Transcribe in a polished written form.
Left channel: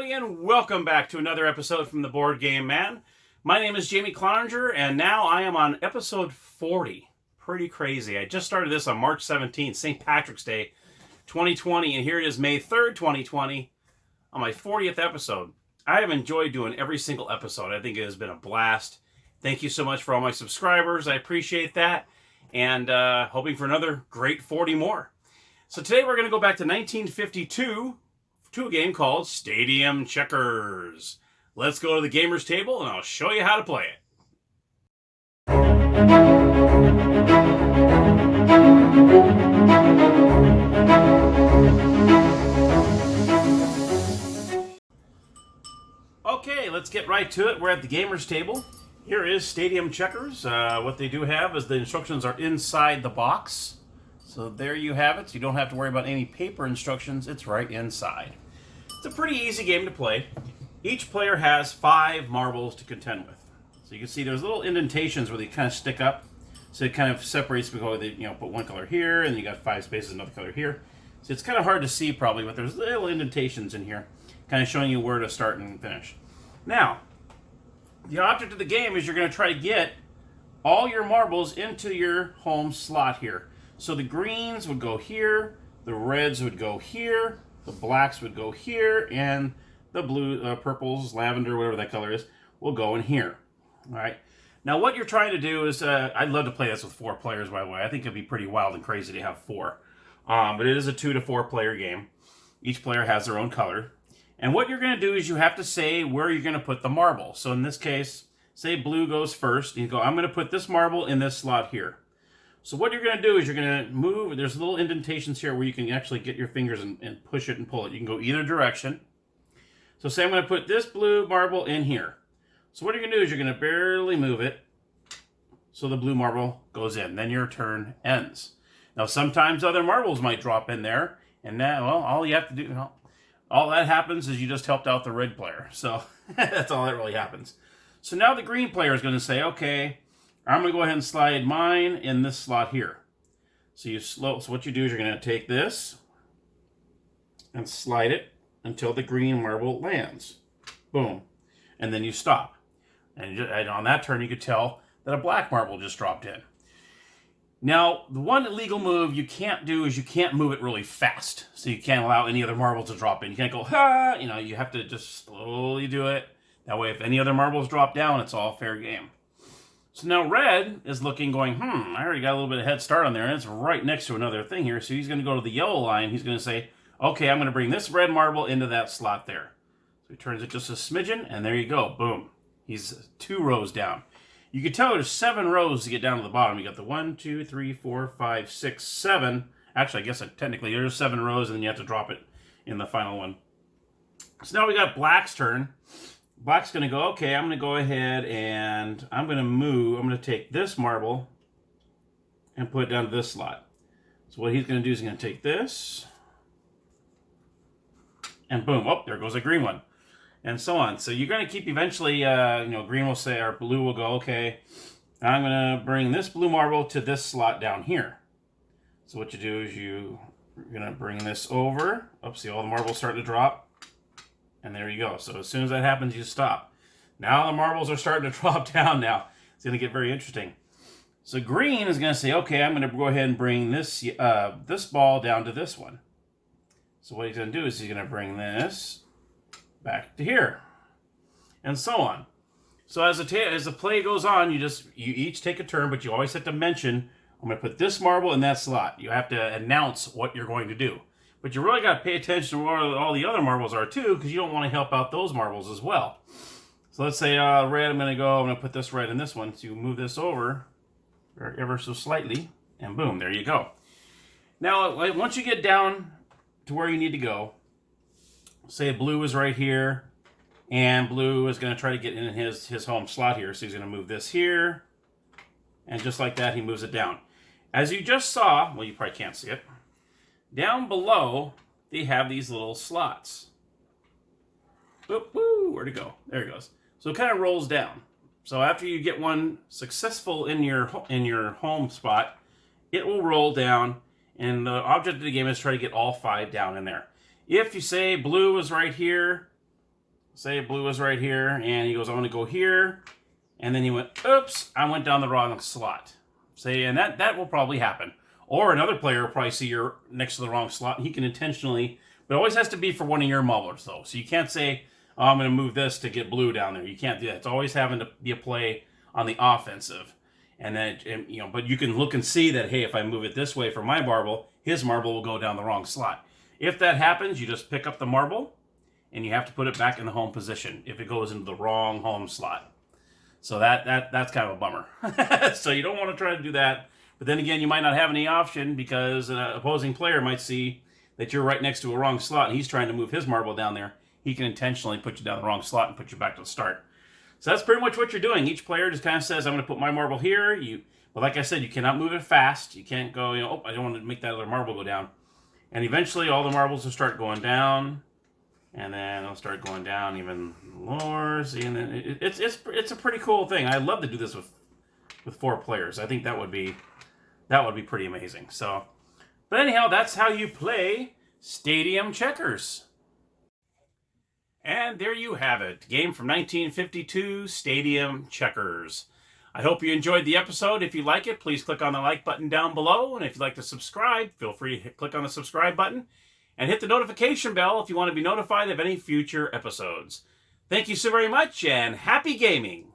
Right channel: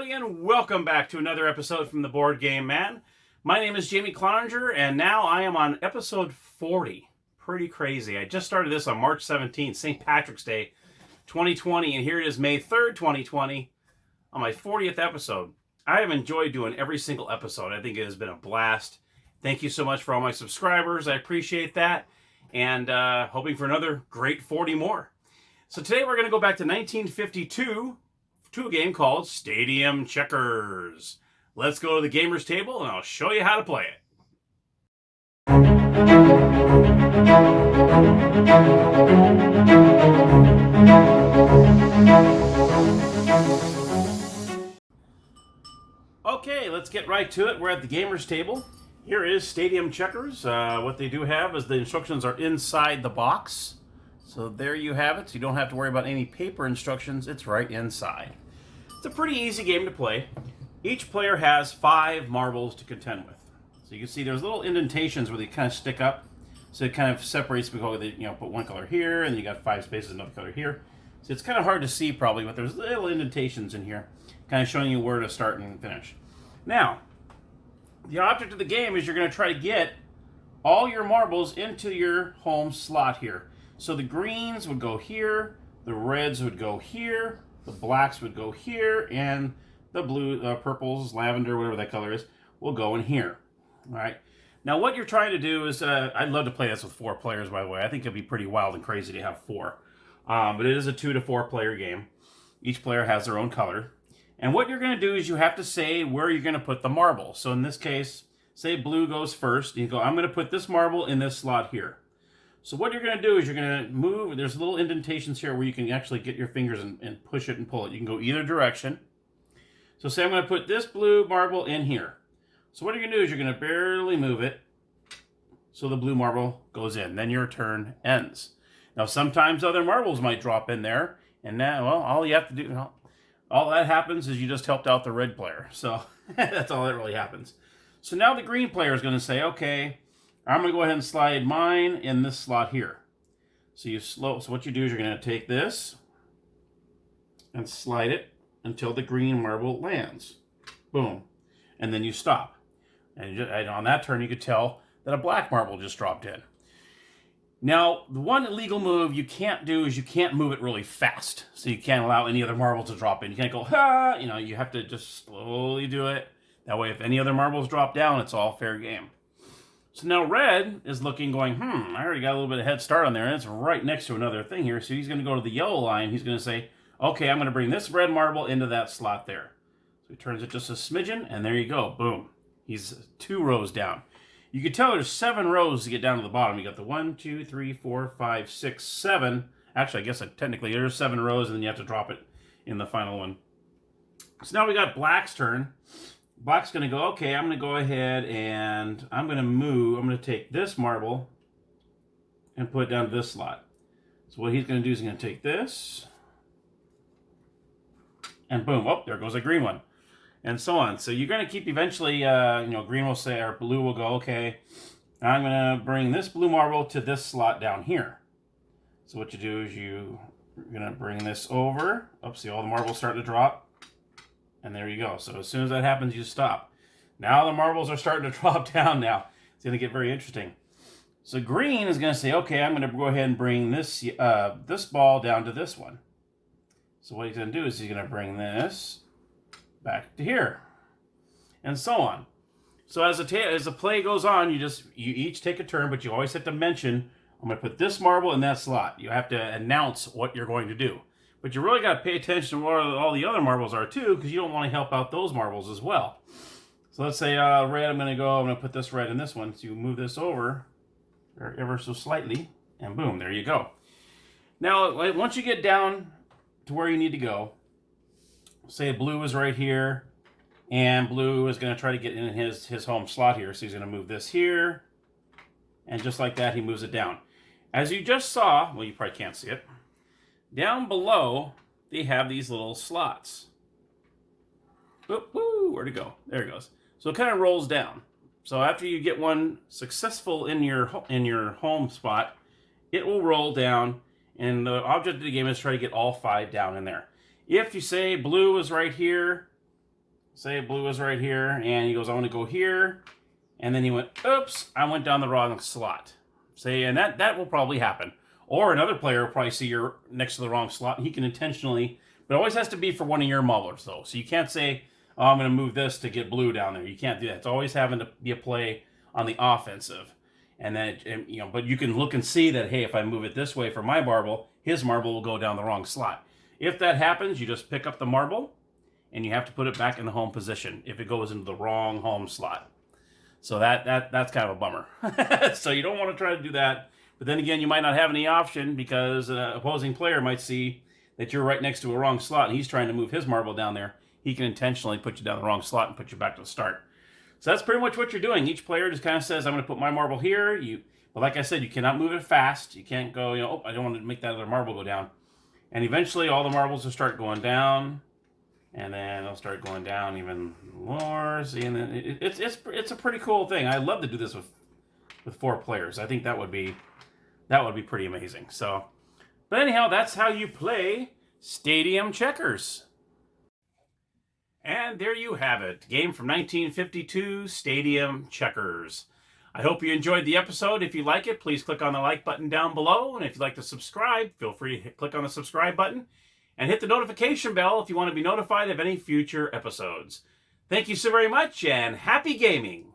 everybody, and welcome back to another episode from the Board Game Man. My name is Jamie Cloninger, and now I am on episode 40. Pretty crazy. I just started this on March 17th, St. Patrick's Day, 2020, and here it is May 3rd, 2020, on my 40th episode. I have enjoyed doing every single episode. I think it has been a blast. Thank you so much for all my subscribers. I appreciate that, and hoping for another great 40 more. So today we're going to go back to 1952 to a game called Stadium Checkers. Let's go to the gamer's table and I'll show you how to play it. Okay, let's get right to it. We're at the gamer's table. Here is Stadium Checkers. What they do have is the instructions are inside the box. So there you have it. So you don't have to worry about any paper instructions. It's right inside. It's a pretty easy game to play. Each player has 5 marbles to contend with. So you can see there's little indentations where they kind of stick up. So it kind of separates because they put one color here and you got 5 spaces, another color here. So it's kind of hard to see probably, but there's little indentations in here, kind of showing you where to start and finish. Now, the object of the game is you're going to try to get all your marbles into your home slot here. So the greens would go here, the reds would go here, the blacks would go here, and the blue, purples, lavender, whatever that color is, will go in here. All right. Now what you're trying to do is, I'd love to play this with 4 players, by the way. I think it'd be pretty wild and crazy to have 4. But it is a 2 to 4 player game. Each player has their own color. And what you're going to do is you have to say where you're going to put the marble. So in this case, say blue goes first. You go, I'm going to put this marble in this slot here. So what you're going to do is you're going to move. There's little indentations here where you can actually get your fingers and push it and pull it. You can go either direction. So say I'm going to put this blue marble in here. So what you're going to do is you're going to barely move it so the blue marble goes in. Then your turn ends. Now sometimes other marbles might drop in there. And now, well, all you have to do, all that happens is you just helped out the red player. So that's all that really happens. So now the green player is going to say, okay, I'm going to go ahead and slide mine in this slot here. So so what you do is you're going to take this and slide it until the green marble lands. Boom. And then you stop. And on that turn, you could tell that a black marble just dropped in. Now, the one illegal move you can't do is you can't move it really fast. So you can't allow any other marble to drop in. You can't go, ha! You have to just slowly do it. That way, if any other marbles drop down, it's all fair game. So now red is looking, going, I already got a little bit of head start on there, and it's right next to another thing here. So he's going to go to the yellow line. He's going to say, okay, I'm going to bring this red marble into that slot there. So he turns it just a smidgen, and there you go. Boom. He's 2 rows down. You can tell there's 7 rows to get down to the bottom. You got the 1, 2, 3, 4, 5, 6, 7. Actually, I guess technically there's 7 rows, and then you have to drop it in the final one. So now we got black's turn. Black's going to go, okay, I'm going to go ahead and I'm going to take this marble and put it down to this slot. So what he's going to do is he's going to take this and boom, oh, there goes a green one. And so on. So you're going to keep eventually, green will say, or blue will go, okay, I'm going to bring this blue marble to this slot down here. So what you do is you're going to bring this over. Oh, see all the marbles starting to drop. And there you go. So as soon as that happens, you stop. Now the marbles are starting to drop down now. It's going to get very interesting. So green is going to say, okay, I'm going to go ahead and bring this this ball down to this one. So what he's going to do is he's going to bring this back to here. And so on. So as the play goes on, you each take a turn, but you always have to mention, I'm going to put this marble in that slot. You have to announce what you're going to do. But you really got to pay attention to where all the other marbles are too, because you don't want to help out those marbles as well. So let's say red, I'm going to put this red in this one. So you move this over ever so slightly, and boom, there you go. Now, once you get down to where you need to go, say blue is right here, and blue is going to try to get in his home slot here. So he's going to move this here, and just like that, he moves it down. As you just saw, well, you probably can't see it, down below, they have these little slots. Oop, woo, where'd it go? There it goes. So it kind of rolls down. So after you get one successful in your home spot, it will roll down, and the object of the game is try to get all 5 down in there. If you say blue is right here, say blue is right here, and he goes, I want to go here, and then he went, oops, I went down the wrong slot. Say, and that will probably happen. Or another player will probably see you're next to the wrong slot, and he can intentionally, but it always has to be for one of your maulers, though. So you can't say, oh, I'm going to move this to get blue down there. You can't do that. It's always having to be a play on the offensive. And then, but you can look and see that, hey, if I move it this way for my marble, his marble will go down the wrong slot. If that happens, you just pick up the marble, and you have to put it back in the home position if it goes into the wrong home slot. So that's kind of a bummer. So you don't want to try to do that. But then again, you might not have any option because an opposing player might see that you're right next to a wrong slot and he's trying to move his marble down there. He can intentionally put you down the wrong slot and put you back to the start. So that's pretty much what you're doing. Each player just kind of says, I'm going to put my marble here. But like I said, you cannot move it fast. You can't go, oh, I don't want to make that other marble go down. And eventually all the marbles will start going down. And then they'll start going down even lower. See, and then it's a pretty cool thing. I'd love to do this with 4 players. I think that would be pretty amazing. So, but anyhow, that's how you play Stadium Checkers. And there you have it. Game from 1952, Stadium Checkers. I hope you enjoyed the episode. If you like it, please click on the like button down below. And if you'd like to subscribe, feel free to click on the subscribe button. And hit the notification bell if you want to be notified of any future episodes. Thank you so very much, and happy gaming!